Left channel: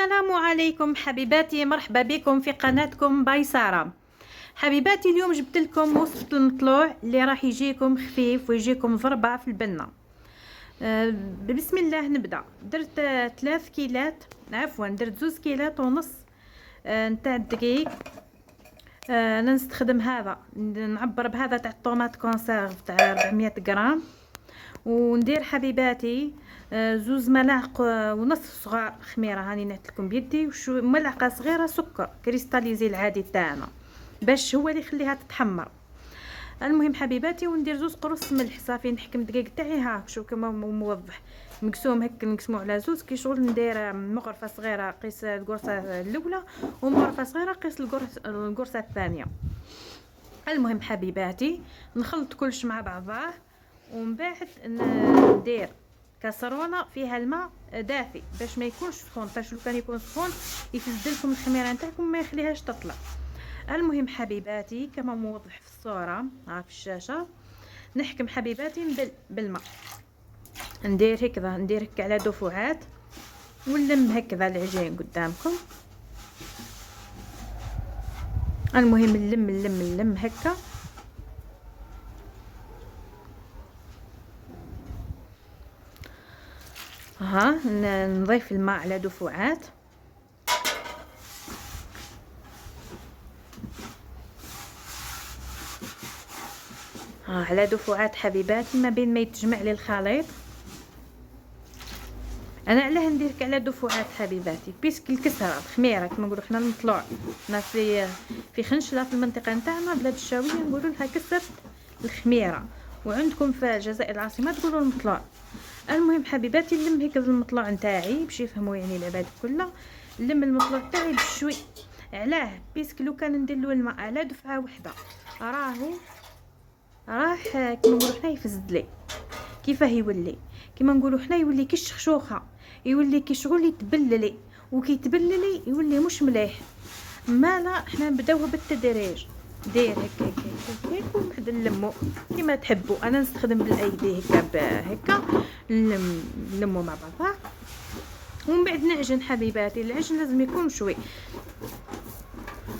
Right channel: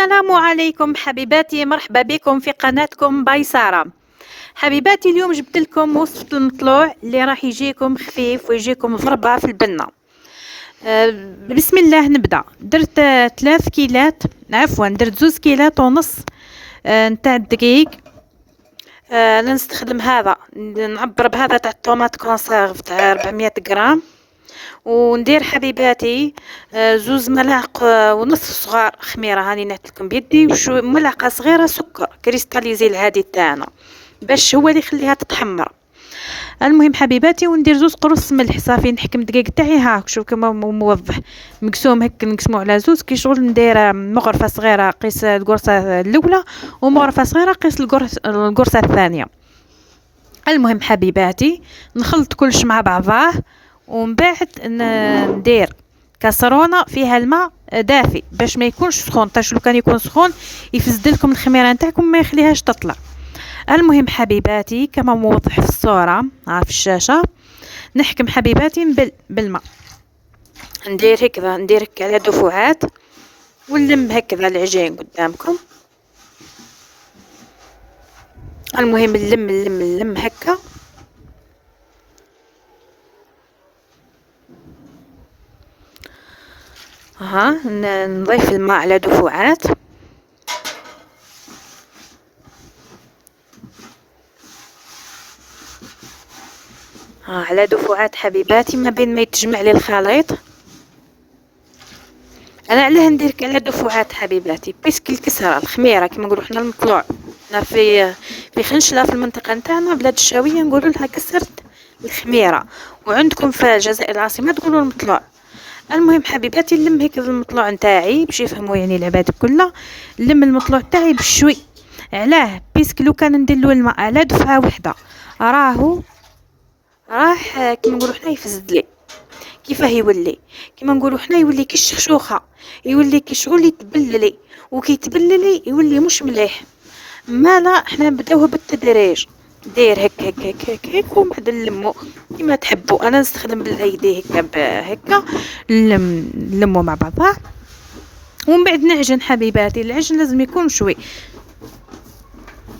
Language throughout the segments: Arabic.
السلام عليكم حبيباتي، مرحبا بكم في قناتكم باي سارة. حبيباتي اليوم جبت لكم وصفة المطلوع اللي راح يجيكم خفيف ويجيكم ضربة في البنة. بسم الله نبدأ. درت 3 كيلات، عفوا درت 2 كيلات ونص نتاع الدقيق. نستخدم هذا، نعبر بهذا تاع الطوماط كونسيرف تاع 400 غرام. وندير حبيباتي 2 ملاعق ونص صغار خميره، هاني نعطيكم بيدي، وشو ملعقه صغيره سكر كريستاليزي العادي تاعنا باش هو اللي يخليها تتحمر. المهم حبيباتي، وندير 2 قروص ملح صافي. نحكم الدقيق تاعي ها شوف كما موضح مقسوم هك، نقسمو على 2 كي شغل. ندير مغرفه صغيره قيس القرصه الاولى، ومغرفه صغيره قيس القرصه الثانيه. المهم حبيباتي، نخلط كلش مع بعضاه، ومن بعد ندير كاسرونه فيها الماء دافي باش ما يكونش سخون، تاش لو كان يكون سخون يفسد لكم الخميره نتاعكم ما يخليهاش تطلع. المهم حبيباتي كما موضح في الصوره ها في الشاشه، نحكم حبيباتي بالماء، ندير هكذا، ندير هكا على دفعات، ونلم هكذا العجين قدامكم. المهم نلم هكا. ها نضيف الماء على دفعات. على دفعات حبيباتي، ما بين ما يتجمع لي الخليط. انا علاه ندير على دفعات حبيباتي؟ بيسك الكسره الخميره كما نقولوا حنا المطلوع. هنا في خنشله في المنطقه نتاعنا بلاد الشاويه نقولوا لها كسرت الخميره، وعندكم في الجزائر العاصمه تقولوا المطلوع. المهم حبيباتي، نلم هيك المطلوع نتاعي باش يفهموا يعني العباد كلها. نلم المطلوع تاعي بشوي. علاه؟ بيسك لو كان ندير له الماء على دفعه واحده راح كيما نقولوا حنا يفسد لي. كيفاه يولي؟ كيما نقولوا حنا يولي كي الشخشوخه، يولي كي شغل يتبللي، وكي يتبللي يولي مش مليح. ما لا، احنا نبداوه بالتدريج. دير هك هك هك هك, هك وبعد نلمو كيما تحبوا. انا نستخدم بالايدي هكا هكا، نلمو مع بعضها. ومن بعد نعجن حبيباتي. العجن لازم يكون شوي،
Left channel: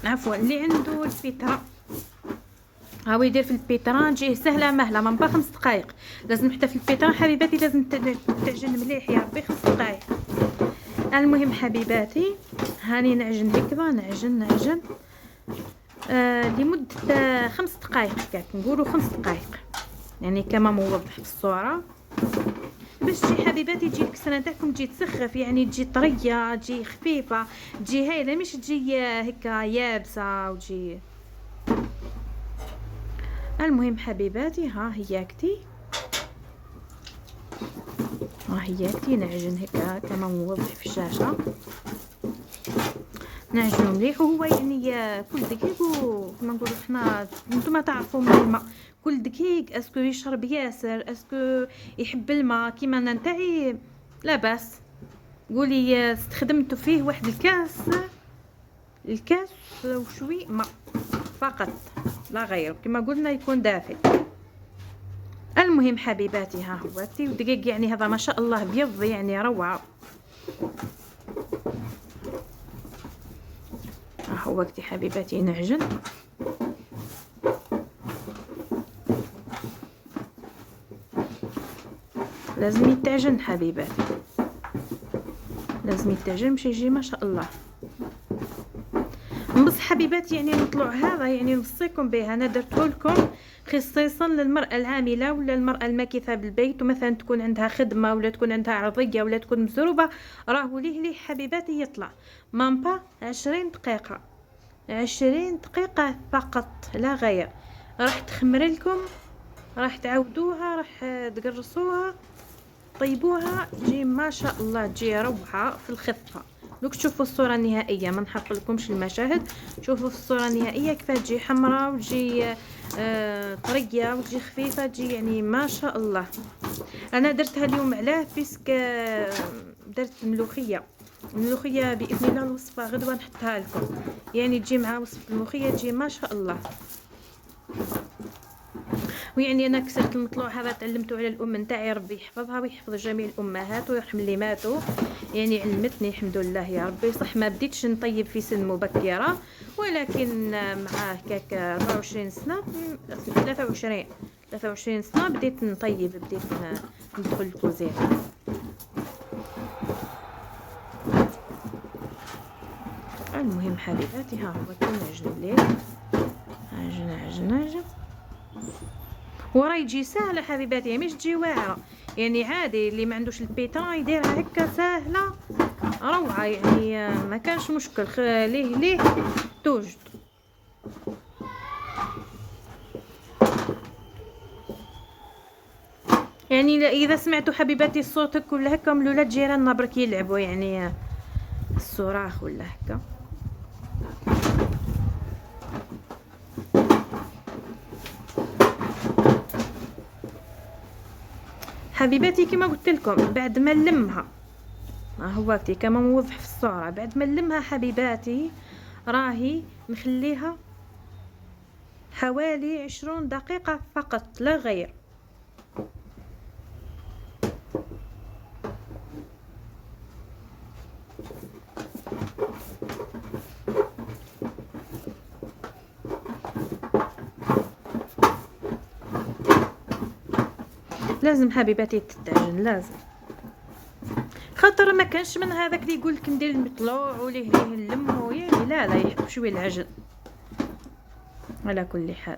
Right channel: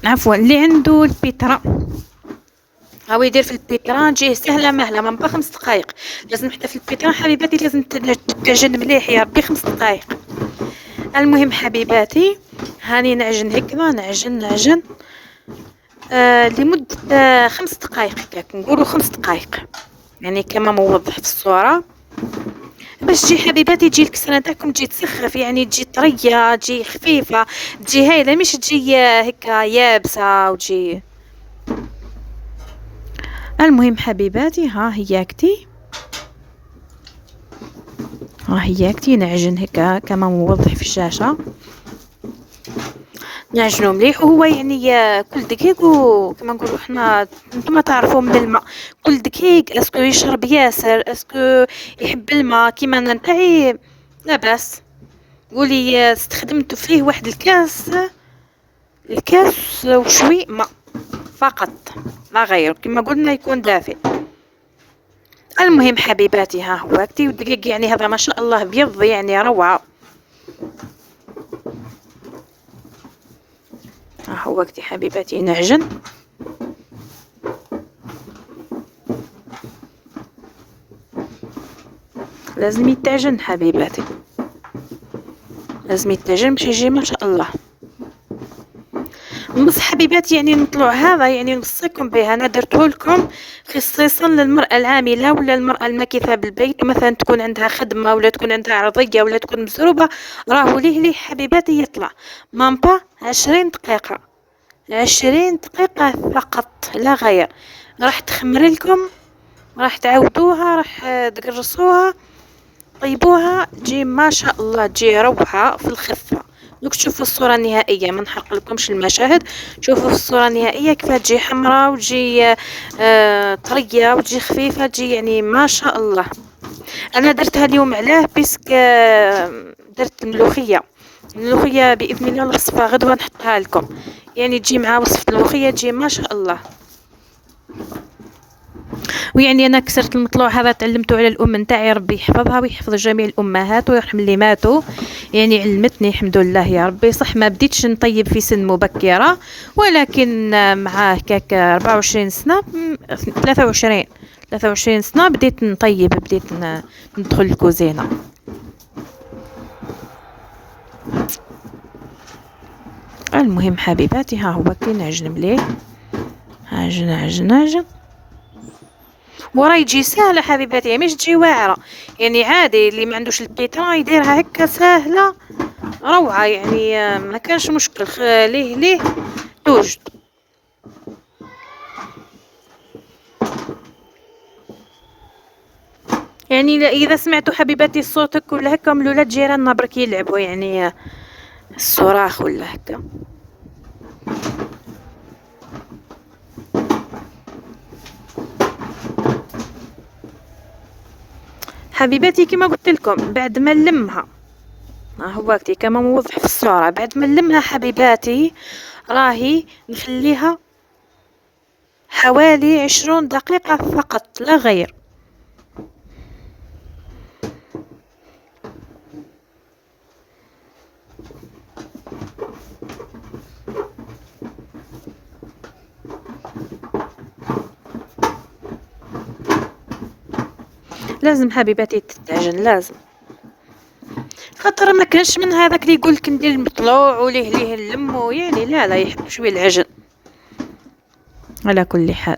عفوا اللي عنده البيترا هاو يدير في البيتران، تجيه سهله مهله من 5 دقائق. لازم حتى في البيتران حبيباتي لازم تعجن مليح يا ربي 5 دقائق. المهم حبيباتي، هاني نعجن هكذا، نعجن لمده 5 دقائق هكاك، نقولوا 5 دقائق يعني كما موضح في الصوره، باش تجي حبيباتي تجي الكسره تاعكم تجي تسخف، يعني تجي طريه، تجي خفيفه، تجي هايله، مش تجي هكا يابسه وتجي. المهم حبيباتي، ها هياكتي نعجن هكا كما موضح في الشاشة. نعجنو مليح، وهو يعني كل دقيق، وكما نقولوا حنا نتوما تعرفوا من الماء، كل دقيق اسكو يشرب ياسر، اسكو يحب الماء كيما انا نتاعي لا باس. قولي استخدمت فيه واحد الكاس وشوي ماء فقط لا غير، كما قلنا يكون دافئ. المهم حبيباتي، ها هو كتي ودقيق، يعني هذا ما شاء الله بيض يعني روعه. ها هو كتي حبيباتي نعجن. لازم يتعجن حبيباتي، لازم يتعجن باش يجي ما شاء الله. بص حبيباتي، يعني نطلع هذا يعني نوصيكم به، انا درته لكم خصيصا للمراه العامله ولا المراه الماكثه بالبيت، مثلا تكون عندها خدمه ولا تكون عندها عرضيه ولا تكون مسروبه. راهو ليه حبيباتي يطلع مامبا 20 دقيقه، 20 دقيقه فقط لا غير. راح تخمر لكم، راح تعودوها، راح تقرصوها، طيبوها، تجي ما شاء الله، تجي روعه في الخفه. دوك تشوفوا الصوره النهائيه، ما نحرق لكمش المشاهد. شوفوا في الصوره النهائيه كيف تجي حمراء وتجي طريه وتجي خفيفه، تجي يعني ما شاء الله. انا درتها اليوم علاه بيسك درت الملوخيه باذن الله الوصفه غدوه نحطها لكم، يعني تجي مع وصفه الملوخيه تجي ما شاء الله. ويعني انا كسرت المطلوع هذا تعلمته على الام نتاعي، ربي يحفظها ويحفظ جميع الامهات ويرحم اللي ماتوا. يعني علمتني الحمد لله يا ربي. صح ما بديتش نطيب في سن مبكره، ولكن مع هكاك 24 سنه 23 سنه بديت نطيب، بديت ندخل الكوزينه. المهم حبيباتي، ها هو كي نعجن مليح، عجن عجن عجن، وراه يجي سهله حبيباتي، مش تجي واعره. يعني عادي اللي ما عندوش البيترا يديرها هكا سهله روعه. يعني ما كانش مشكل، ليه توجد. يعني اذا سمعتوا حبيباتي صوتك ولا هكا من الولاد جيراننا برك يلعبوا، يعني الصراخ ولا هكا. حبيباتي كما قلت لكم بعد ما نلمها، هو وقتي كما موضح في الصورة، بعد ما نلمها حبيباتي راهي نخليها حوالي 20 دقيقة فقط لا غير. لازم حبيباتي تتعجن، لازم، خاطر ما كانش من هذاك اللي يقولك ندير المطلوع وليه نلمو، يعني لا يحب شويه العجن. على كل حال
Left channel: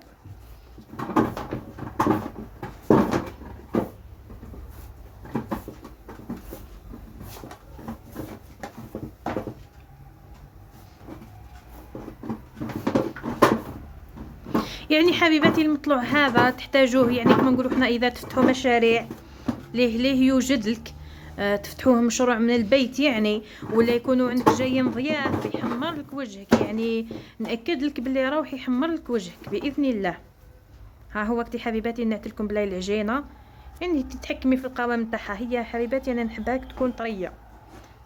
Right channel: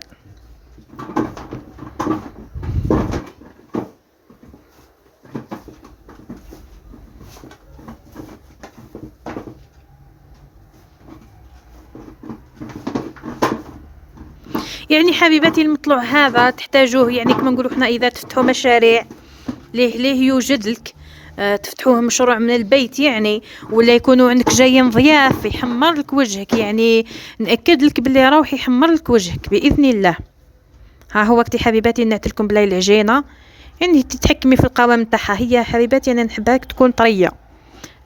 يعني حبيباتي المطلوع هذا تحتاجوه، يعني كما نقولوا حنا اذا تفتحوا مشاريع ليه يوجد لك، تفتحوه مشروع من البيت يعني، ولا يكونوا عندك جايين ضياف يحمر لك وجهك، يعني نأكد لك باللي راوح يحمر لك وجهك بإذن الله. ها هو وقتي حبيباتي نعتلكم بلاي العجينة، يعني تتحكمي في القوام نتاعها. هي حبيباتي انا نحبها تكون طرية،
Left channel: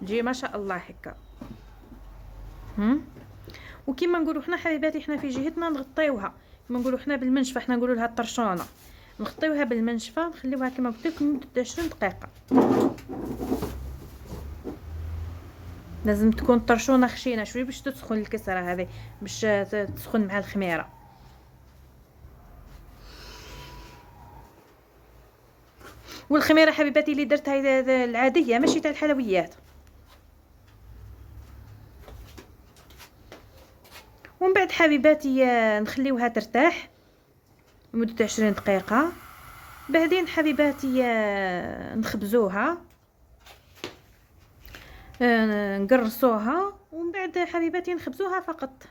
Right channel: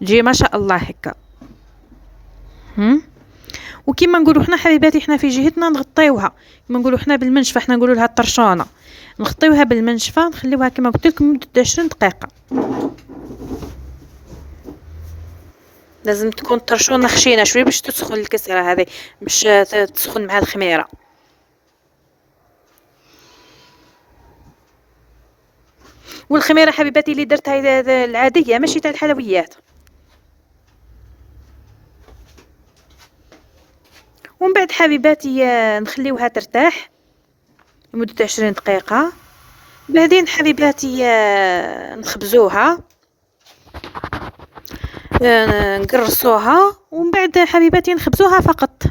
تجي ما شاء الله هكا. وكما نقولوا حنا حبيباتي، حنا في جهتنا نغطيوها، كما نقولوا حنا بالمنشفه، حنا نقولوا لها الطرشونه، نغطيوها بالمنشفه نخليوها كما قلت لكم مده 20 دقيقه. لازم تكون طرشونه خشينه شويه باش تسخن الكسره هذه، باش تسخن مع الخميره. والخميره حبيباتي اللي درتها العاديه ماشي تاع الحلويات. ومن بعد حبيباتي نخليوها ترتاح لمدة 20 دقيقة. بعدين حبيباتي نخبزوها، نقرصوها، ومن بعد حبيباتي نخبزوها فقط.